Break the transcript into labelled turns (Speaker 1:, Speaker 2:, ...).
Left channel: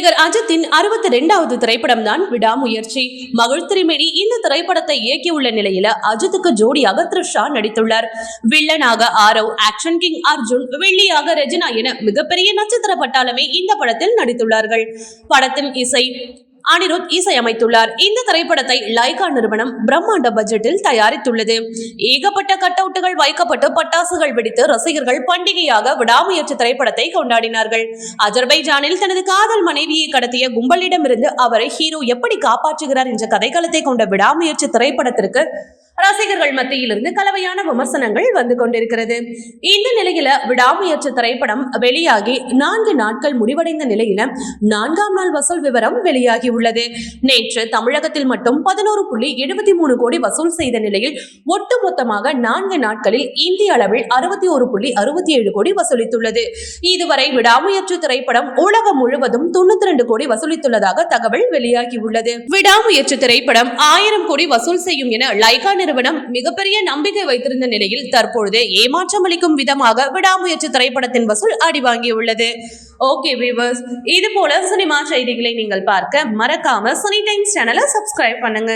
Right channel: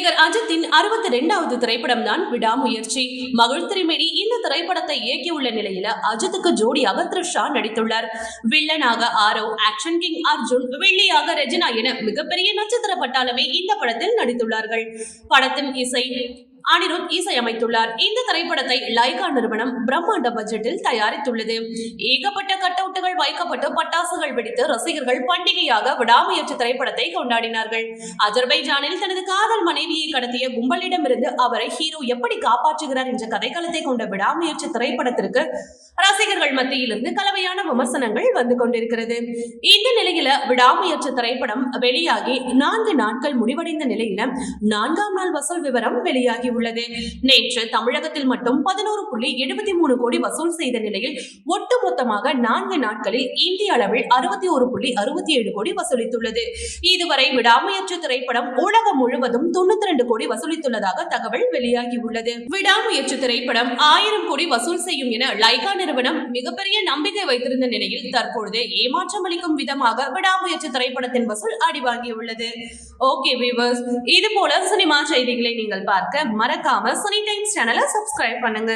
Speaker 1: நடிகர் அஜித்தின் அறுபத்தி ரெண்டாவது திரைப்படம் தான் விடாமுயற்சி. மகள் திருமேனி இந்த திரைப்படத்தை இயக்கியுள்ள நிலையில அஜித்துக்கு ஜோடியாக த்ரிஷா நடித்துள்ளார். வில்லனாக ஆரவ் ஆக்ஷன் கிங் அர்ஜுன் வெள்ளியாக ரெஜினா என மிகப்பெரிய நட்சத்திர பட்டாளமே இந்த படத்தில் நடித்துள்ளார்கள். படத்தின் இசை அனிருத் இசையமைத்துள்ளார் இந்த திரைப்படத்தை லைகா நிறுவனம் பிரம்மாண்ட பட்ஜெட்டில் தயாரித்துள்ளது. ஏகப்பட்ட கட்டவுட்டுகள் வைக்கப்பட்டு பட்டாசுகள் வெடித்து ரசிகர்கள் பண்டிகையாக விடாமுயற்சி திரைப்படத்தை கொண்டாடினார்கள். அஜர்பைஜானில் தனது காதல் மனைவியை கடத்திய கும்பலிடமிருந்து அவரை ஹீரோ எப்படி காப்பாற்றுகிறார் என்ற கதைக்களத்தை கொண்ட விடாமுயற்சி திரைப்படத்திற்கு ரசிகர்கள் மத்தியிலிருந்து கலவையான விமர்சனங்கள் வந்து கொண்டிருக்கிறது. இந்த நிலையில விடாமுயற்சி திரைப்படம் வெளியாகி நான்கு நாட்கள் முடிவடைந்த நிலையில நான்காம் நாள் வசூல் விவரம் வெளியாகி உள்ளது நேற்று தமிழகத்தில் மட்டும் பதினோரு புள்ளி எழுபத்தி மூணு கோடி வசூல் செய்த நிலையில் ஒட்டுமொத்தமாக நான்கு நாட்களில் இந்திய அளவில் அறுபத்தி ஒரு புள்ளி அறுபத்தி ஏழு கோடி வசூலித்துள்ளது. இதுவரை விடாமுயற்சி திரைப்படம் உலகம் முழுவதும் தொண்ணூத்தி ரெண்டு கோடி வசூலித்துள்ளதாக தகவல் வெளியாகி உள்ளது விடாமுயற்சி திரைப்படம் ஆயிரம் கோடி வசூல் செய்யும் என லைகா நிறுவனம் மிகப்பெரிய நம்பிக்கை வைத்திருந்த நிலையில் தற்பொழுது ஏமாற்றம் அளிக்கும் விதமாக விடாமுயற்சி திரைப்படத்தின் வசூல் அடிவாங்கியுள்ளது. ஓகே வியூவர்ஸ் இது போல சினிமா செய்திகளை நீங்கள் பார்க்க மறக்காம சினி டைம்ஸ் சேனலை சப்ஸ்கிரைப் பண்ணுங்க.